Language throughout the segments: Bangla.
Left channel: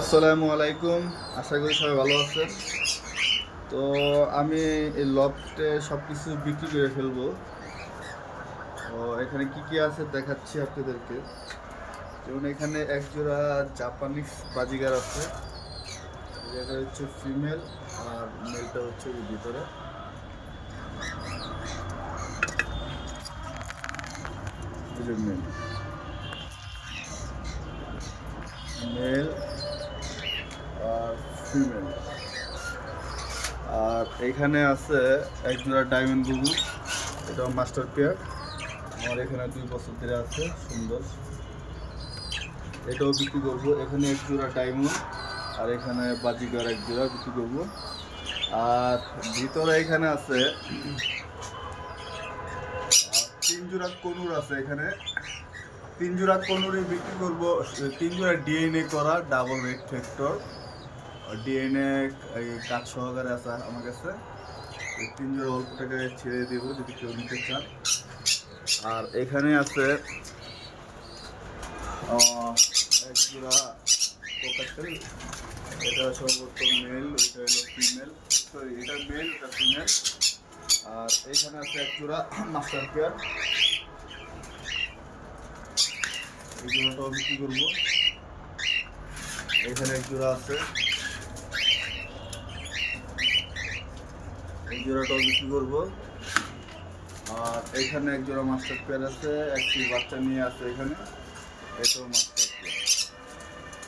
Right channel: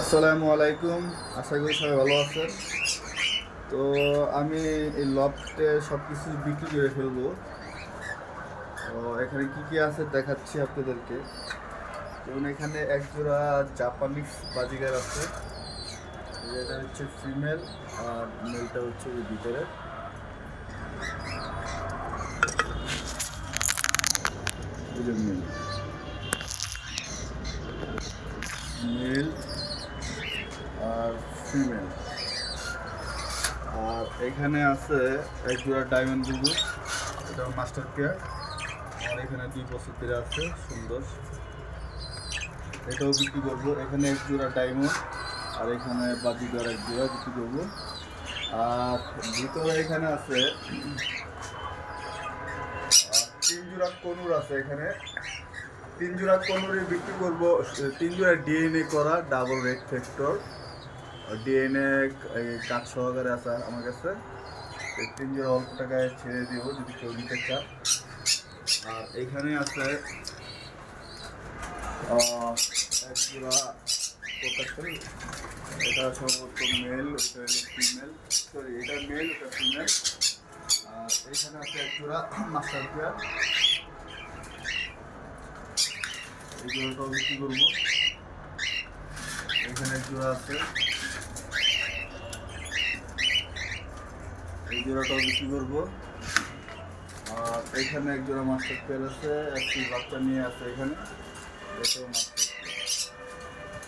আসসালামু আলাইকুম, আশা করি সবাই ভালো আছেন। তো আমি এই লফটে সব কিছু বিক্রি করে ফেলব। তো এখানে কি কি আছে দেখাচ্ছি আপনাদেরকে। যেমন এখানে এক জোড়া জাপানিজ বাজিগার আছে। এটা হচ্ছে ফিমেল আর মেলটা হচ্ছে ভিতরে। ফিমেল আর এখানে আছে এক জোড়া ডায়মন্ড বুবু এটা মাস্টার পেয়ার আমার এখানে দুই বছর ধরে আছে, সুন্দর। এটাও বিক্রি করব। এখানে এক জোড়া ডায়মন্ড আর এখানে বাজিগার এক জোড়া বিক্রি করব। আর ভিতরে এখানে আছে, তিন জোড়া কনুর আছে এখানে। তিন জোড়া কনুরে বিক্রি করব। তিন জোড়া ডিএনএ করা ডাবল রেড ফ্যাক্টর ডিএনএ কাজ সহকারে আছে আমার কাছে। তিন জোড়া অল্প টাকায় ছেড়ে দেব যদি কেউ নিতে চান আর এখানে আছে এক জোড়া কোকাটেল এটা সম্ভবত মেল ওইটা হলো ফিমেল সরি এটা মেল ওটা ফিমেল আর এখানে আছে এক জোড়া মাস্টার পেয়ার এই জোড়াটাও বিক্রি করব। এখানে এক জোড়া আছে। এই জোড়াটাও বিক্রি করব। আর এখানে এক জোড়া মাস্টার পেয়ার আছে, একটি বাচ্চা নিয়ে আছে এখানে, এটাও মাস্টার পেয়ার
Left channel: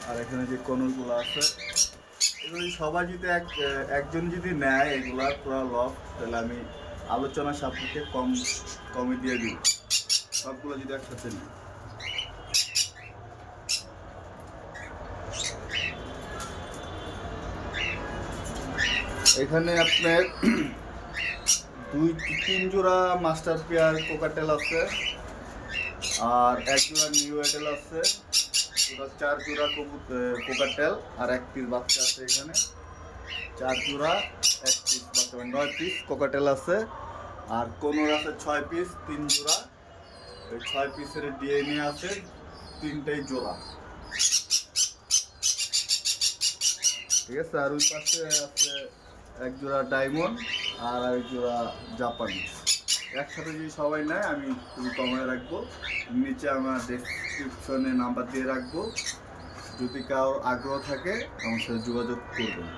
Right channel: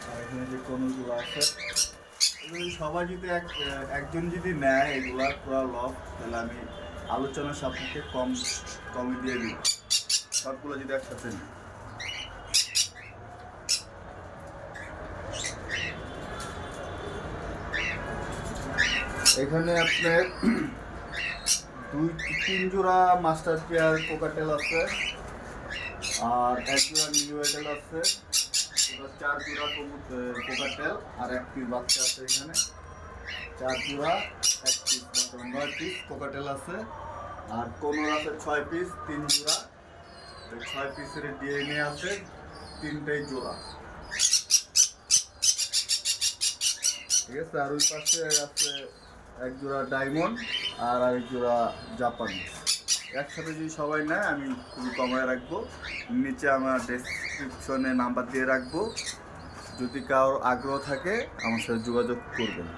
আর এখানে যে কনুরগুলো আছে, এগুলো সবাই যদি এক, একজন যদি নেয় এগুলা, পুরো লভ তাহলে আমি আলোচনা সাপেক্ষে কম কমে দিয়ে দিই সবগুলো যদি একসাথে নিই এখানে আপনার দুই তিন জোড়া মাস্টার পেয়ার কোকাটেল আছে, আর এক জোড়া নিউ এটেল আছে চার জোড়া কোকাটেল, আর এক পিস বাচ্চা আছে এখানে। চার জোড়া, এক পিস বাচ্চা মানে নয় পিস কোকাটেল আছে, আর কোনোর আছে ছয় পিস তিন জোড়া। ওই ছয় পিসের ডিএনএ আছে, তিনটাই জোড়া। ঠিক আছে, আর ওই পাশে আছে এক জোড়া ডায়মন্ড আর আরেক জোড়া জাপানি একসাথে যদি সবাই নেয়, আমি খুবই কমায় রাখব। নিচে আমার ডেসক্রিপশনে নাম্বার দিয়ে রাখব। যদি কারোর আগ্রহ থাকে, আমার সাথে যোগাযোগ করবেন।